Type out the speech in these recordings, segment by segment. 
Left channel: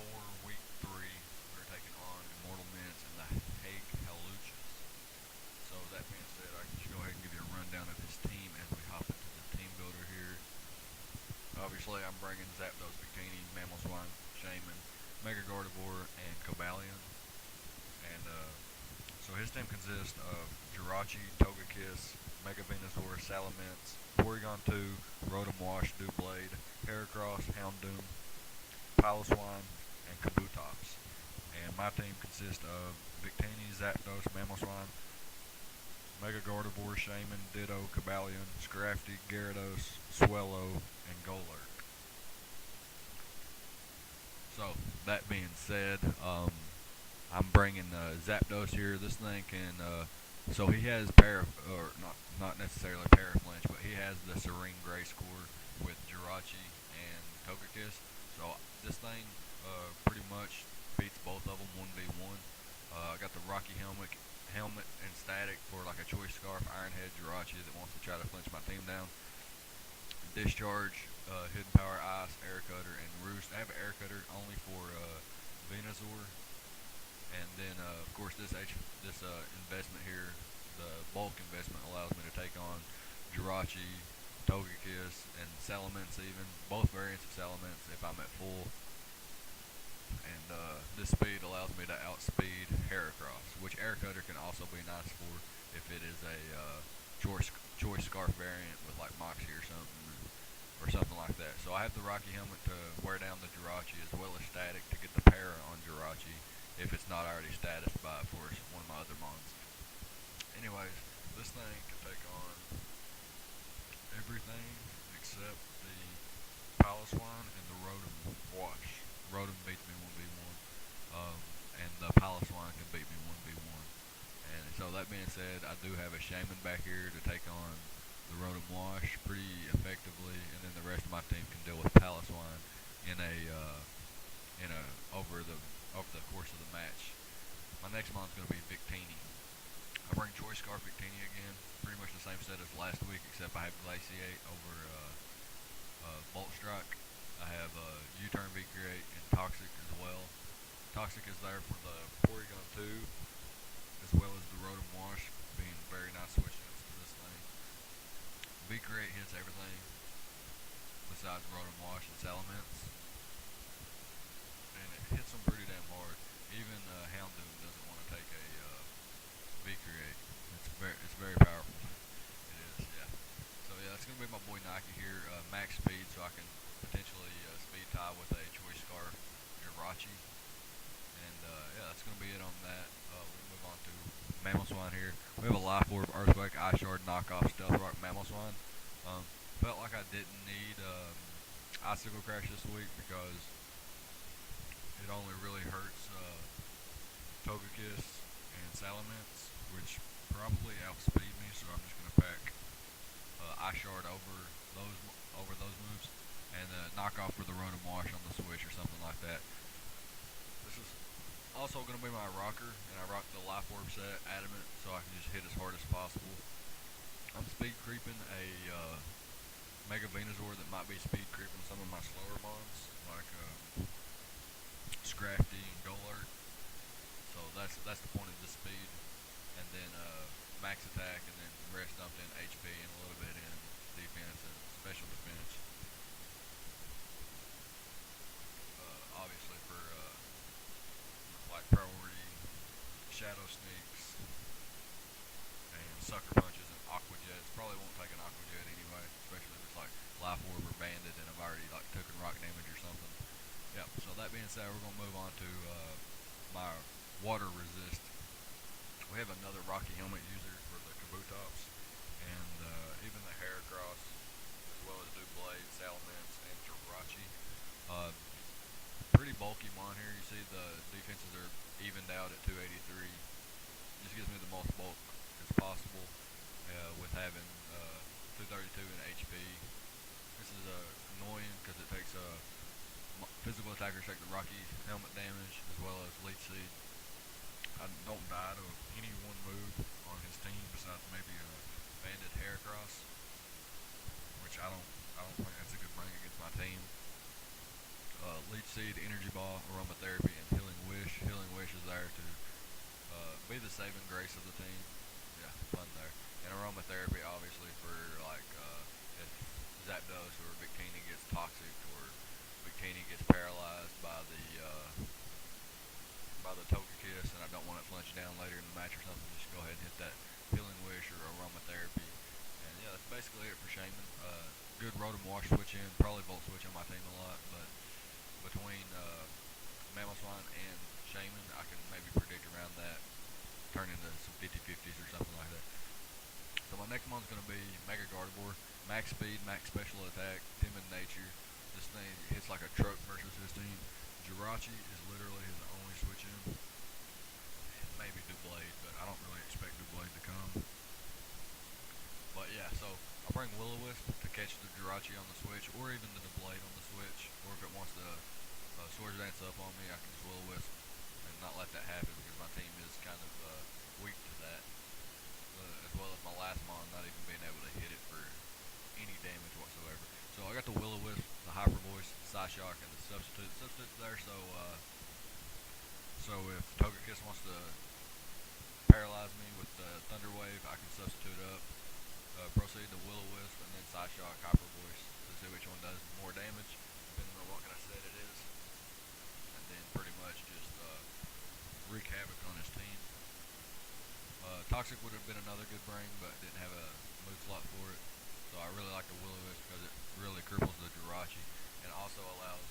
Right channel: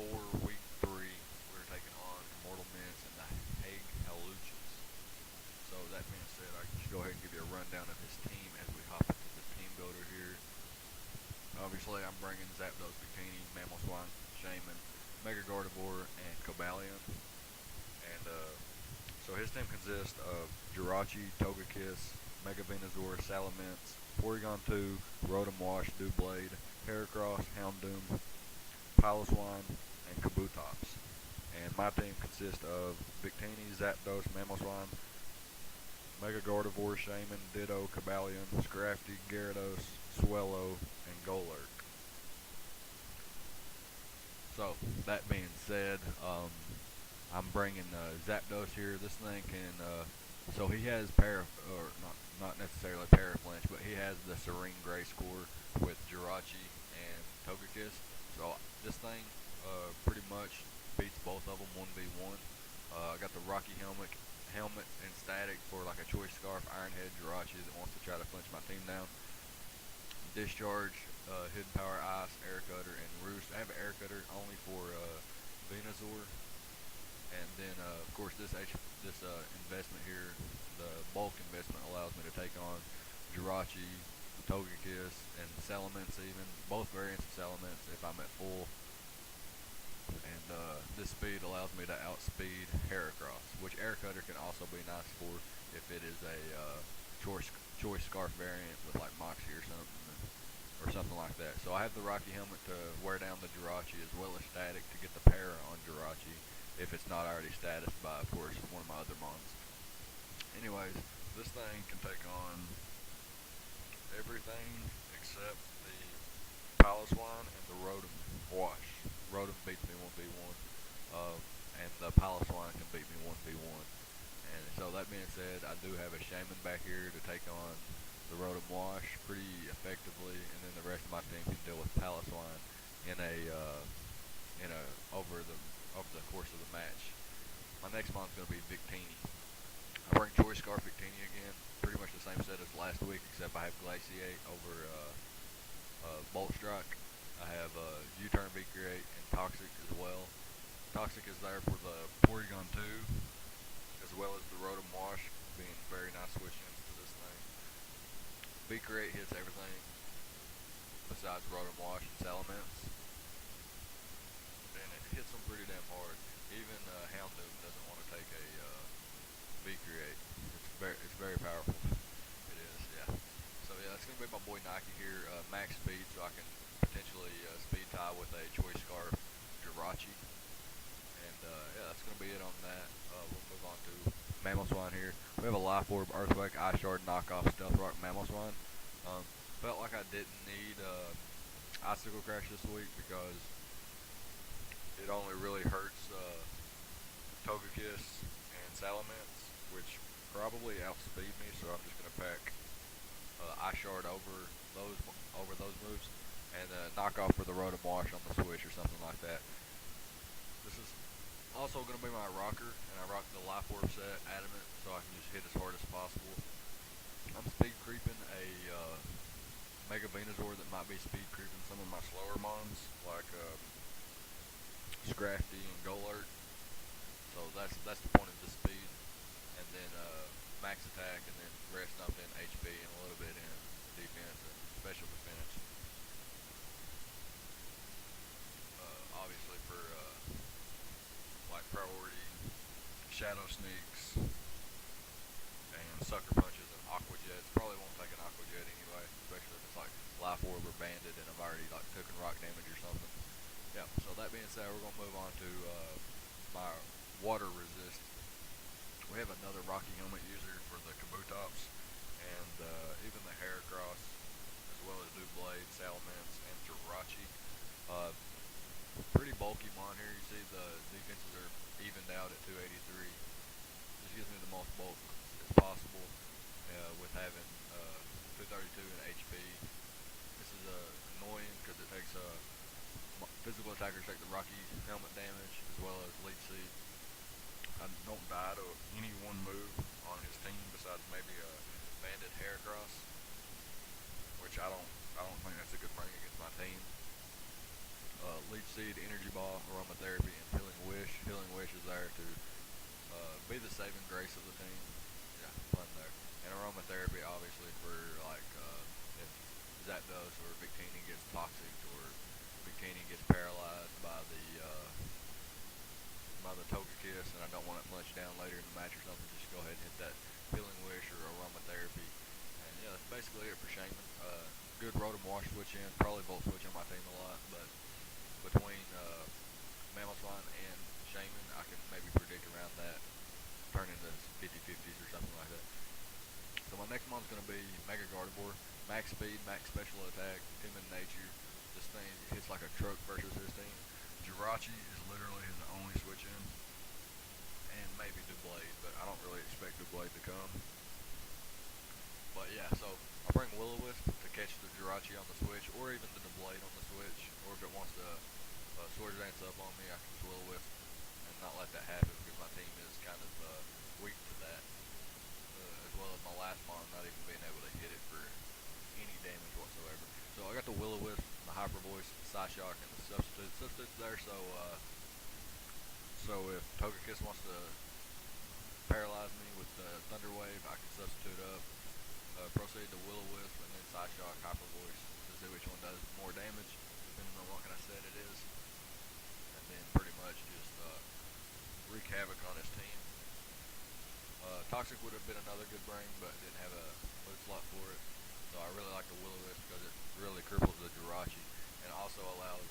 S04 week 3. We're taking on ImmortalMence and the Hague Hawluchas. So that being said, I can just go ahead and give you a rundown of his team as we hop into the team builder here. Obviously, I'm bringing Zapdos, Bikini, Mamoswine, Shaman, Mega Gardevoir, and Cobalion. And so his team consists of Jirachi, Togekiss, Mega Venusaur, Salamence, Porygon 2, Rotom Wash, Doublade, Heracross, Houndoom, Piloswine, and Kabutops. And my team consists of Victini, Zapdos, Mamoswine, Mega Gardevoir, Shaman, Ditto, Cobalion, Scrafty, Gyarados, Swellow, and Golurk. So, that being said, I'm bringing Zapdos here. This thing can, so he has or not necessarily Paraflinch, but he has the Serene Gray score with Jirachi and Togekiss. So this thing pretty much beats both of them 1v1. I got the Rocky helmet and Static for like a Choice Scarf, Iron Head, Jirachi that wants to try to flinch my team down. Discharge, Hidden Power, Ice, Air Cutter, and Roost. I have an Air Cutter only for Venusaur. And then, of course, this investment here, the bulk investment, allows me to take on Jirachi, Togekiss, and Salamence even. Both variants of Salamence if I'm at full. And this speed allows me to outspeed Heracross, which Air Cutter can also be nice for if it is a choice Scarf variant with like Moxie or something like that. So I have the Rocky helmet to wear down the Jirachi as well as Static to get the para on Jirachi if it's not already statused by, of course, one of my other mons. Anyways, this thing can take on everything except the Piloswine and the Rotom Wash. Rotom beats me 1v1, and the Piloswine can beat me 1v1. And so that being said, I do have a Shaman back here to take on the Rotom Wash pretty effectively, and then the rest of my team can deal with Piloswine in a over the course of the match. My next mon's going to be Victini. I bring Choice Scarf Victini again, pretty much the same set as last week, except I have Glaciate over Bolt Strike. I have U-Turn V-Create and Toxic as well. Toxic is there for the Porygon 2, as well as the Rotom Wash, being very nice switch-ins to this thing. V-Create hits everything besides Rotom Wash and Salamence, and it hits them pretty damn hard. Even Houndoom doesn't want to take a V-Create. It's very powerful. It is, yeah. So yeah, that's gonna be my boy Nike here. Max speed, so I can potentially speed tie with a Choice Scarf Jirachi. And yeah, that's gonna be it on that. We'll move on to Mamoswine here. We have a Life Orb, Earthquake, Ice Shard, Knockoff, Stealth Rock, Mamoswine. Felt like I didn't need Icicle Crash this week because it only really hurts Togekiss and Salamence, which probably outspeed me, so I'm just going to pack Ice Shard over those moves, and knock off for the Rotom Wash on the switch or something like that. This is also going to be my rocker, and I rock the Life Orb set, Adamant, so I can just hit as hard as possible. I'm speed creeping a Mega Venusaur that might be speed creeping some of my slower mons, like Scrafty and Golurk. So that's the point of the speed, and then max attack, and then rest up in HP and a little bit in defense and special defense. Obviously for like priority Shadow Sneaks and Sucker Punches and Aqua Jets. Probably won't take an Aqua Jet anyway, especially if it's like Life Orb or Banded and I've already like taken rock damage or something. Yep. So that being said, we're gonna move on to my water resist. We have another Rocky helmet user for the Kabutops, and even the Heracross, as well as Doublade, Salamence, and Jirachi. Pretty bulky mon here. You see the defenses are evened out at 283. Just gives me the most bulk as possible with having 232 in HP. This is annoying because it takes physical attackers take the Rocky helmet damage as well as Leech Seed. I don't die to any one move on his team besides maybe a Banded Heracross, which I don't think that's a good thing against my team. Leech Seed, Energy Ball, Aroma Togekiss and I don't want it flinched down later in the match or something, just go ahead and hit that Healing Wish or Aromatherapy. And yeah, that's basically it for Shaman. Good Rotom Wash switch in, probably Volt Switch on my team a lot, but between Mamoswine and Shaman, I can maybe predict around that, turn into some 50-50s or something like that. So my next one's going to be Mega Gardevoir. Max speed, max special attack, timid nature. This thing hits like a truck versus his team. Jirachi is literally his only switch in. And maybe Doublade, but I don't really expect Doublade to come. But yeah, so I'll bring Will-O-Wisp to catch the Jirachi on the switch, or even the Doublade on the switch. Or if it wants to Swords Dance up on me, I can just Will-O-Wisp and not let that happen because my team is kind of weak to that. As well as my last mon not even being able to hit it for any damage whatsoever. So I got the Will-O-Wisp, the Hyper Voice, the Psyshock, and the Substitute. Substitute's there, so if Togekiss wants to paralyze me with the Thunder Wave, I can substitute up, proceed to Will-O-Wisp, and then Psyshock, Hyper Voice to see which one does more damage, depending on what kind of set it is, and then pretty much just wreak havoc on his team. Toxic would have been another good bring, but didn't have a move slot for it. So I really like the Will-O-Wisp because it really cripples the Jirachi, and also allows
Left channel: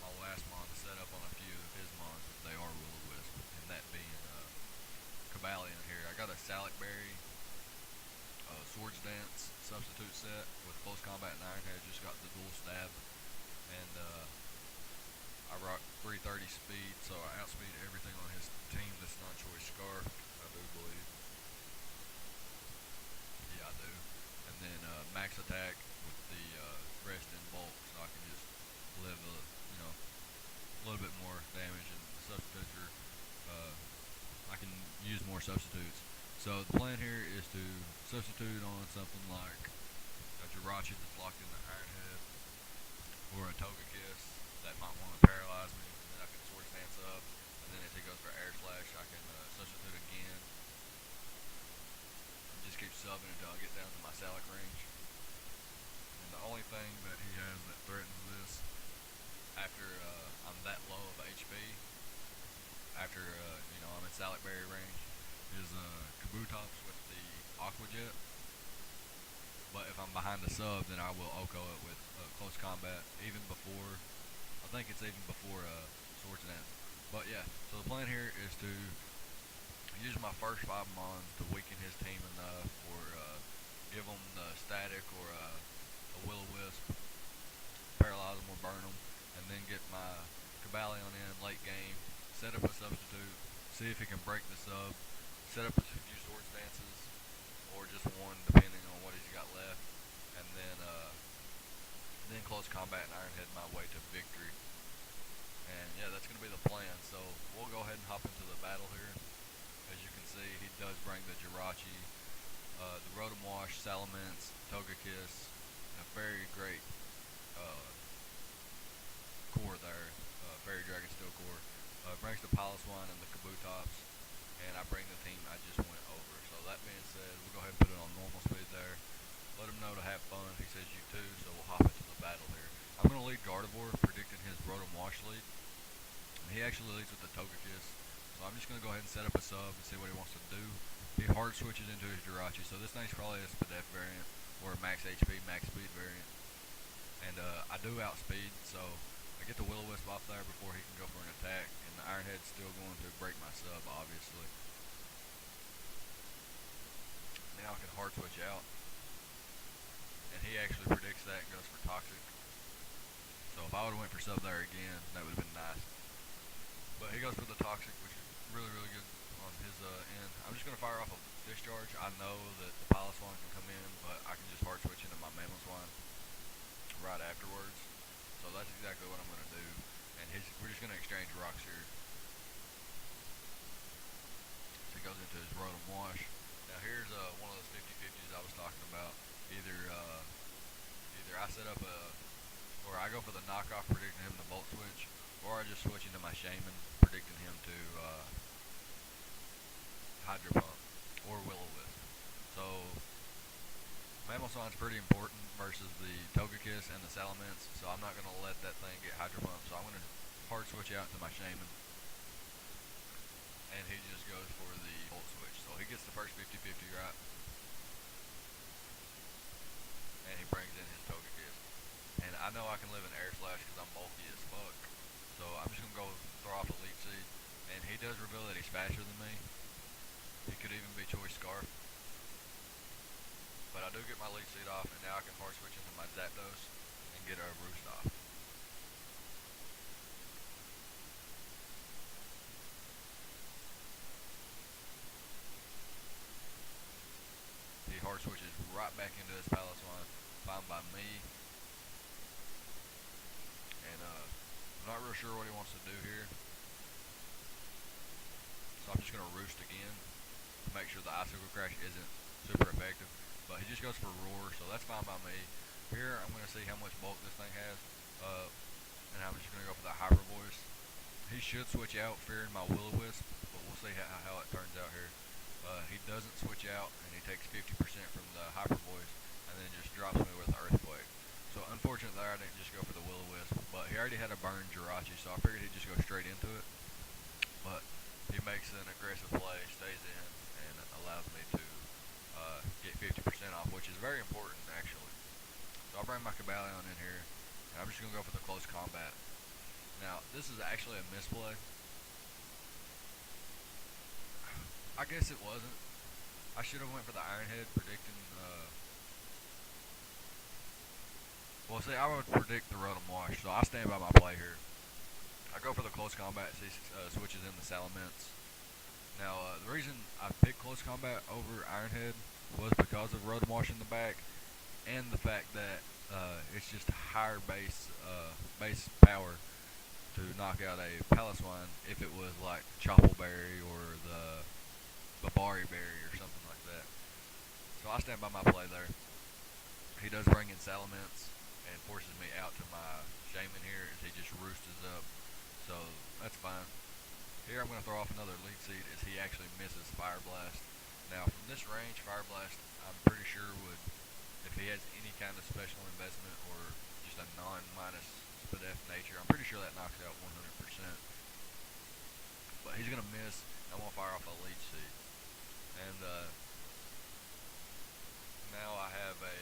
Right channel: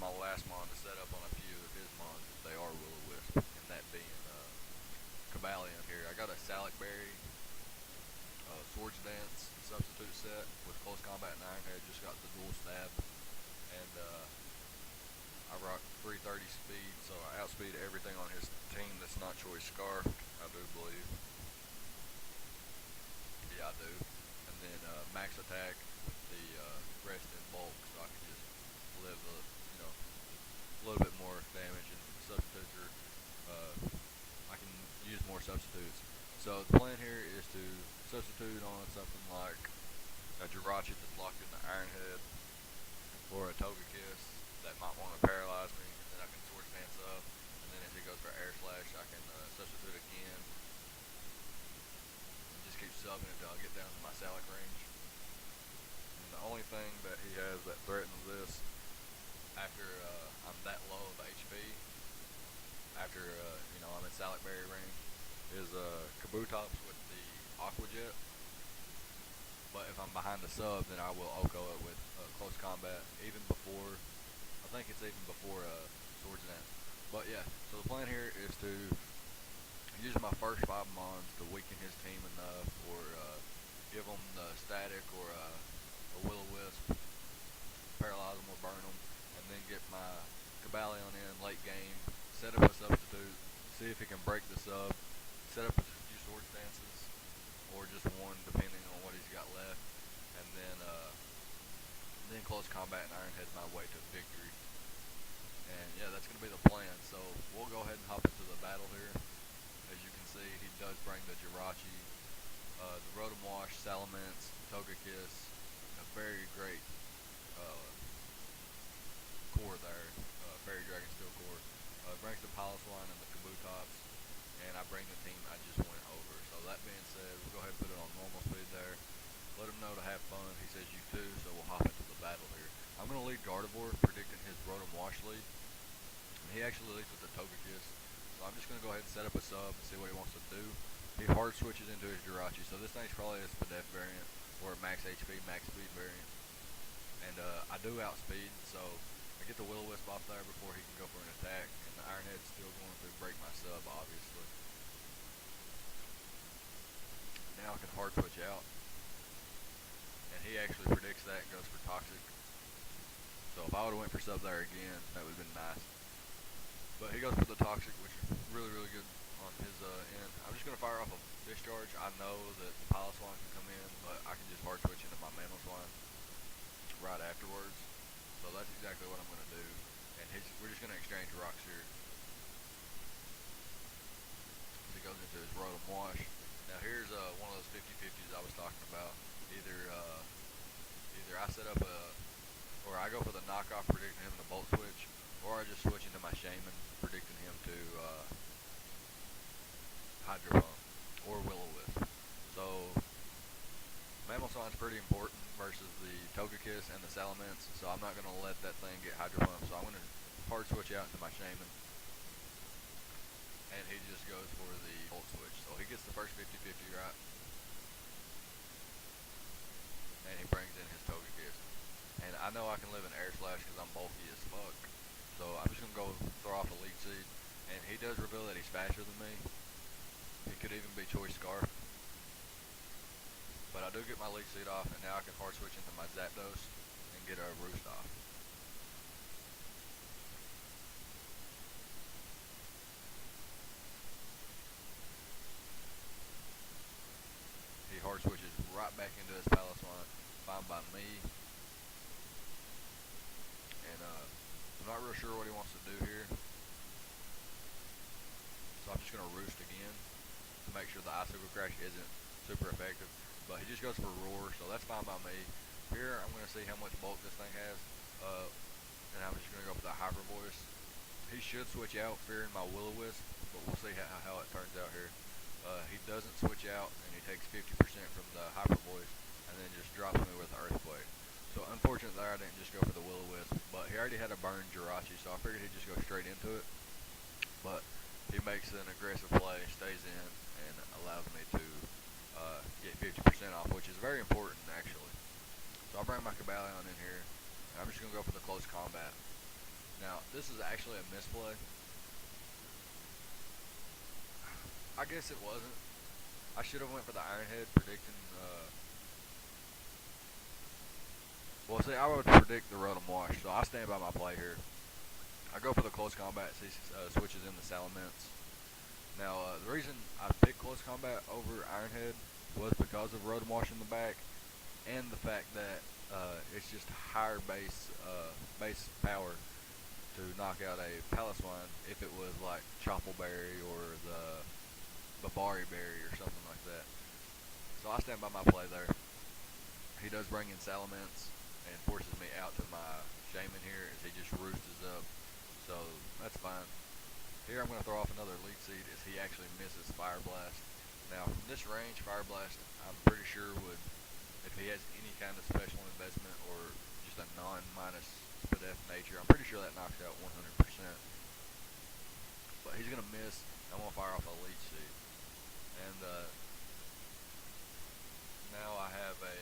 my last mon to set up on a few of his mons if they are Will-O-Wisp, and that being Cobalion here. I got a Salic Berry, Swords Dance substitute set with Close Combat and Iron Head. Just got the dual stab, and I rock 330 speed, so I outspeed everything on his team that's not Choice Scarf. I do believe. Yeah, I do. And then max attack with the rest in bulk, so I can just live a little bit more damage, and the substitutes are I can use more substitutes. So the plan here is to substitute on something like a Jirachi that's locked in the Iron Head, or a Togekiss that might want to paralyze me, and then I can Swords Dance up, and then if he goes for Air Slash, I can substitute again. Just keep subbing until I get down to my Salic range. And the only thing that he has that threatens this after I'm that low of HP, after I'm in Salic Berry range, is Kabutops with the Aqua Jet. But if I'm behind the sub, then I will Oko it with Close Combat, even before, I think it's even before Swords Dance. But yeah, so the plan here is to use my first 5 mons to weaken his team enough, or give him the Static or a Will-O-Wisp, paralyze him or burn him, and then get my Cobalion in late game, set up a substitute, see if he can break the sub, set up a few Swords Dances, or just one depending on what he's got left, and then Close Combat and Iron Head my way to victory. And yeah, that's going to be the plan. So we'll go ahead and hop into the battle here. As you can see, he does bring the Jirachi, the Rotom Wash, Salamence, Togekiss, a very great core there, Fairy Dragon Steel core. Brings the Piloswine and the Kabutops, and I bring the team I just went over. So that being said, we'll go ahead and put it on normal speed there. Let him know to have fun. He says you too, so we'll hop into the battle here. I'm going to lead Gardevoir, predicting his Rotom Wash lead. He actually leads with the Togekiss, so I'm just going to go ahead and set up a sub and see what he wants to do. He hard switches into his Jirachi, so this thing's probably a Spadef variant, or a max HP, max speed variant. And I do outspeed, so I get the Will-O-Wisp off there before he can go for an attack, and the Iron Head's still going to break my sub, obviously. Now I can hard switch out, and he actually predicts that and goes for Toxic. So if I would have went for sub there again, that would have been nice. But he goes for the Toxic, which is really, really good on his end. I'm just going to fire off a Discharge. I know that the Piloswine can come in, but I can just hard switch into my Mamoswine right afterwards. So that's exactly what I'm going to do. And we're just going to exchange rocks here. So he goes into his Rotom Wash. Now here's one of those 50-50s I was talking about. Either I set up or I go for the knockoff, predicting him to Bolt Switch, or I just switch into my Shaman, predicting him to Hydro Pump or Will-O-Wisp. So Mamoswine's pretty important versus the Togekiss and the Salamence, so I'm not going to let that thing get Hydro Pump. So I'm going to hard switch out to my Shaman. know I can live in air slash because I'm bulky as fuck. So I'm just gonna go throw off Elite Seed, and he does reveal that he's faster than me. He could even be Choice Scarf, but I do get my Elite Seed off, and now I can hard switch into my Zapdos and get a Roost off. He hard switches right back into his Paliswine, fine by me, and I'm not real sure what he wants to do here. So I'm just going to Roost again to make sure the Icicle Crash isn't super effective. But he just goes for Roar, so that's fine by me. Here I'm going to see how much bulk this thing has, and I'm just going to go for the Hyper Voice. He should switch out, fearing my Will-O-Wisp, but we'll see how it turns out here. He doesn't switch out, and he takes 50% from the Hyper Voice, and then just drops me with Earthquake. So unfortunate there I didn't just go for the Will-O-Wisp, but he already had a burn Jirachi, so I figured he'd just go straight into it. But he makes an aggressive play, stays in, and allows me to get 50% off, which is very important actually. So I'll bring my Cobalion in here, and I'm just going to go for the close combat. Now, this is actually a misplay. I guess it wasn't. I should have went for the Iron Head, predicting, well see, I would predict the Rotom Wash, so I stand by my play here. I go for the close combat, so he switches in the Salamence. Now, the reason I picked close combat over Iron Head was because of Rotom Wash in the back, and the fact that it's just higher base power to knock out a Paliswine if it was like Choppleberry or the Babari Berry or something like that. So I stand by my play there. He does bring in Salamence and forces me out to my Shaman here as he just roosts up. So that's fine. Here I'm going to throw off another Lead Seed as he actually misses Fire Blast. Now from this range, Fire Blast I'm pretty sure would, if he has any kind of special investment or just a non-minus Spadef nature, I'm pretty sure that knocks out 100%. But he's going to miss, and I'm going to fire off a Lead Seed. And now I have a,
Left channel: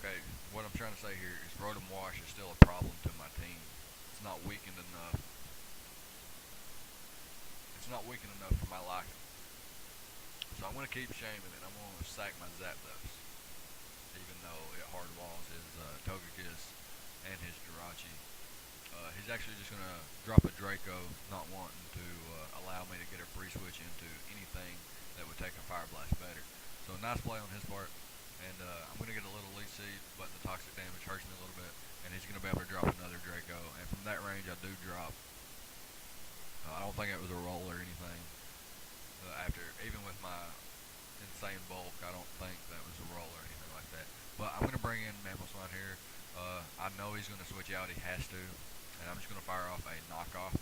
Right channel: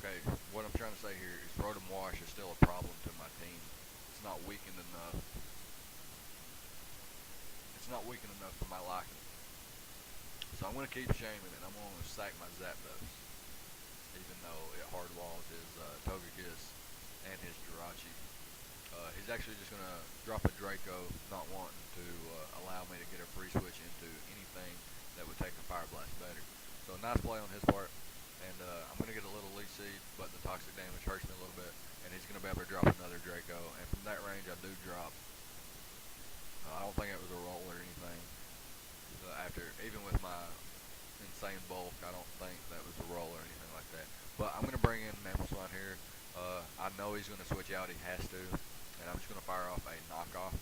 okay, what I'm trying to say here is Rotom Wash is still a problem to my team. It's not weakened enough. It's not weakened enough for my liking. So I'm going to keep Shaman, and I'm going to sack my Zapdos, even though it hard walls his Togekiss and his Jirachi. He's actually just going to drop a Draco, not wanting to allow me to get a free switch into anything that would take a Fire Blast better. So nice play on his part, and I'm going to get a little Lead Seed, but the toxic damage hurts me a little bit, and he's going to be able to drop another Draco, and from that range I do drop. I don't think it was a roll or anything. After, even with my insane bulk, I don't think that was a roll or anything like that. But I'm going to bring in Mamoswine here. I know he's going to switch out, he has to, and I'm just going to fire off a knockoff.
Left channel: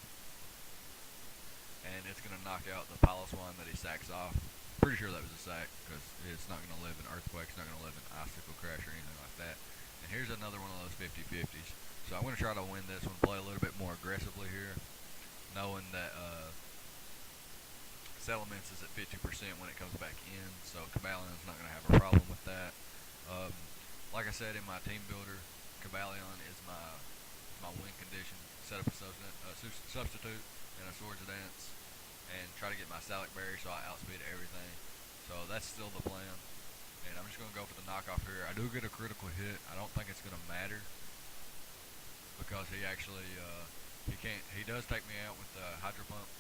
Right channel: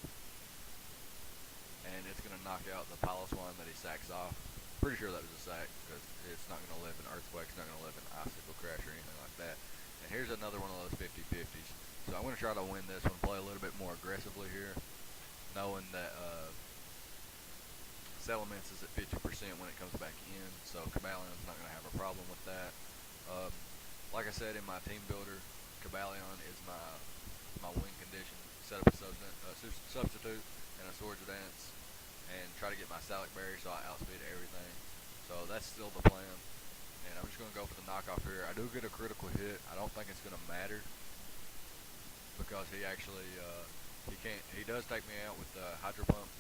And it's going to knock out the Paliswine that he sacks off. Pretty sure that was a sack, because it's not going to live in Earthquake, it's not going to live in Icicle Crash or anything like that. And here's another one of those 50-50s. So I'm going to try to win this one, play a little bit more aggressively here, knowing that Salamence is at 50% when it comes back in, so Cabalion's not going to have a problem with that. Like I said in my team builder, Cabalion is my win condition. Set up a substitute and a Swords Dance, and try to get my Salic Berry so I outspeed everything. So that's still the plan, and I'm just going to go for the knockoff here. I do get a critical hit. I don't think it's going to matter, because he actually, he does take me out with the Hydro Pump.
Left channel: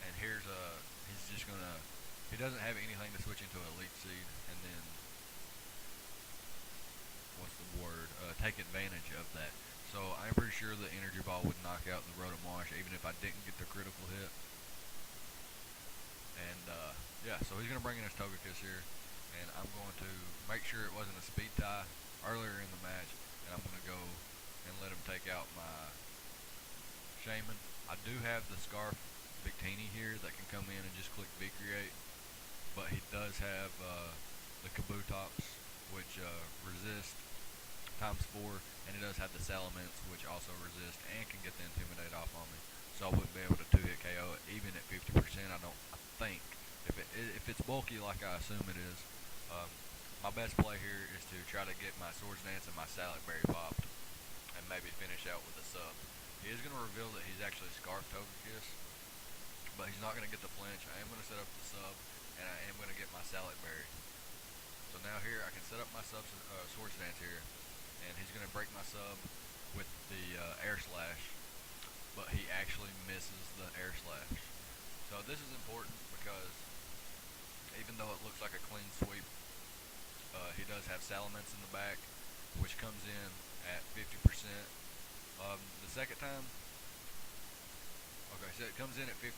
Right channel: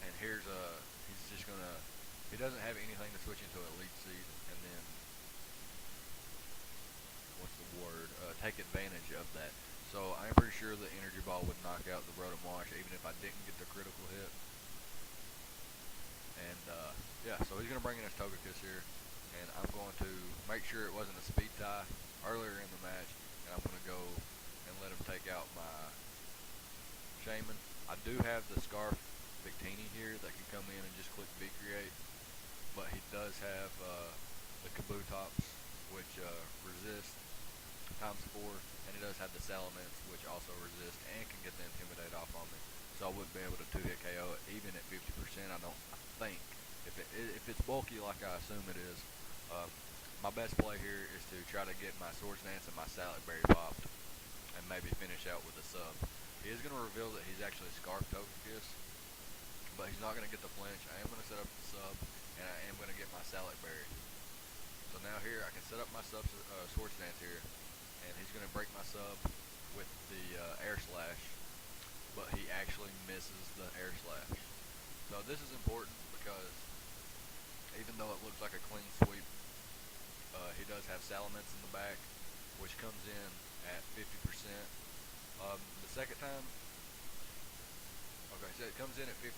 And he's just gonna, he doesn't have anything to switch into Elite Seed, and then, what's the word, take advantage of that. So I'm pretty sure the Energy Ball would knock out the Rotom Wash, even if I didn't get the critical hit. And, yeah, so he's gonna bring in his Togekiss here, and I'm going to make sure it wasn't a speed tie earlier in the match, and I'm gonna go and let him take out my Shaman. I do have the Scarf Victini here that can come in and just click V-Create, but he does have the Kabutops, which resist ×4, and he does have the Salamence, which also resist and can get the Intimidate off on me, so I wouldn't be able to 2-hit KO it even at 50%. I think if it's bulky like I assume it is, my best play here is to try to get my Swords Dance and my Salad Berry popped, and maybe finish out with a sub. He is going to reveal that he's actually Scarf Togekiss, but he's not going to get the flinch. I am going to set up the sub, and I am going to get my Salad Berry. So now here I can set up my Swords Dance here, and he's going to break my sub with the Air Slash, but he actually misses the Air Slash. So this is important because even though it looks like a clean sweep, he does have Salamence in the back, which comes in at 50%. The second time, okay, so it comes in at 50%,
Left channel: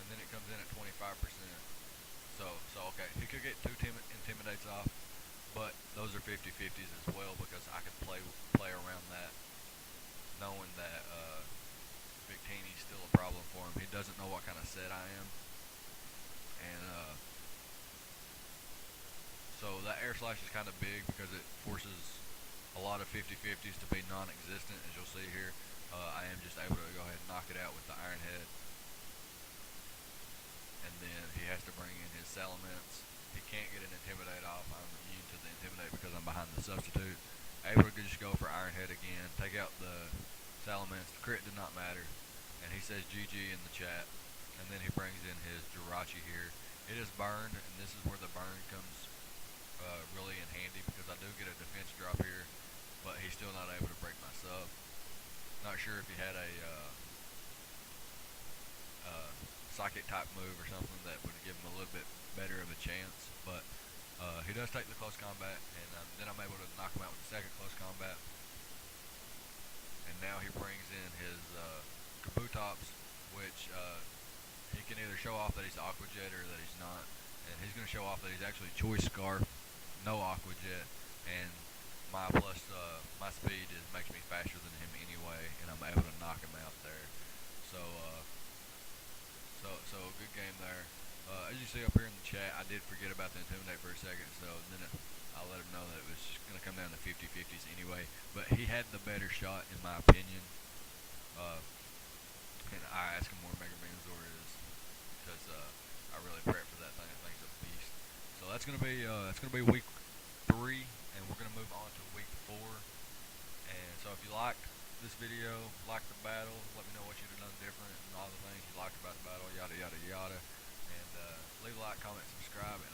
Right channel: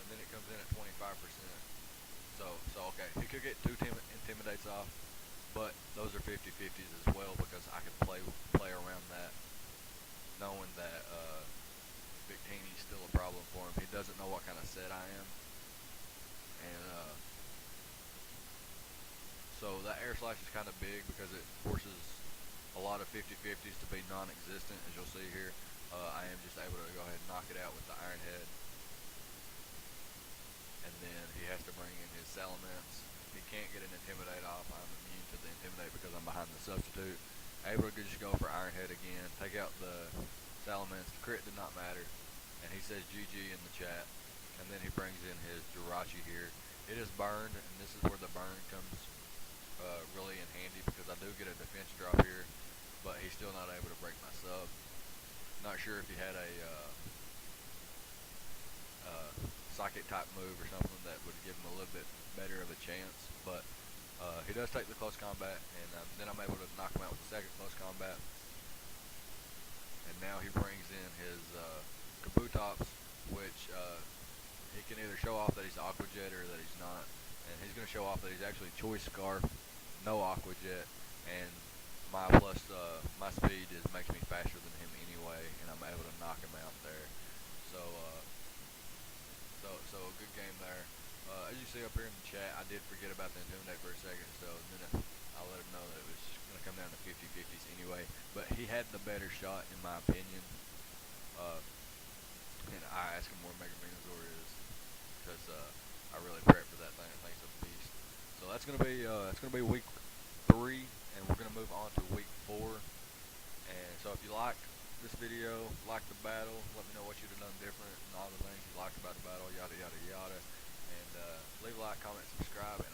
and then it comes in at 25%. So okay, he could get 2 Intimidates off, but those are 50-50s as well because I can play around that, knowing that Victini's still a problem for him. He doesn't know what kind of set I am, and so that Air Slash is kind of big because it forces a lot of 50-50s to be non-existent, as you'll see here. I am just able to go ahead and knock it out with the Iron Head. And then he has to bring in his Salamence. He can't get an Intimidate off. I'm immune to the Intimidate because I'm behind the substitute. Able to just go for Iron Head again, take out the Salamence. The crit did not matter. And he says GG in the chat. And then he brings in his Jirachi here. It is burned, and this is where the burn comes really in handy because I do get a defense drop here, but he's still not able to break my sub. Not sure if he had a psychic type move or something that would give him a little bit better of a chance, but he does take the close combat, and then I'm able to knock him out with the second close combat. And now he brings in his Kabutops, which he can either show off that he's Aqua Jet or that he's not, and he's going to show off that he's actually Choice Scarf, no Aqua Jet, and my speed makes me faster than him anyway, and I'm able to knock him out there. So a good game there. As you see up here in the chat, I did forget about the Intimidate for a second, so then I'll let him know that it was going to come down to 50-50s anyway. But he had the better shot, in my opinion. And I asked him where Mega Venusaur is because I really prep for that thing. I think it's a beast. So that's going to be week 3, and we're going to move on to week 4. And so if you liked this video, liked the battle, let me know what you'd have done different and all the things you liked about the battle, yada yada yada. And leave a like, comment, subscribe, and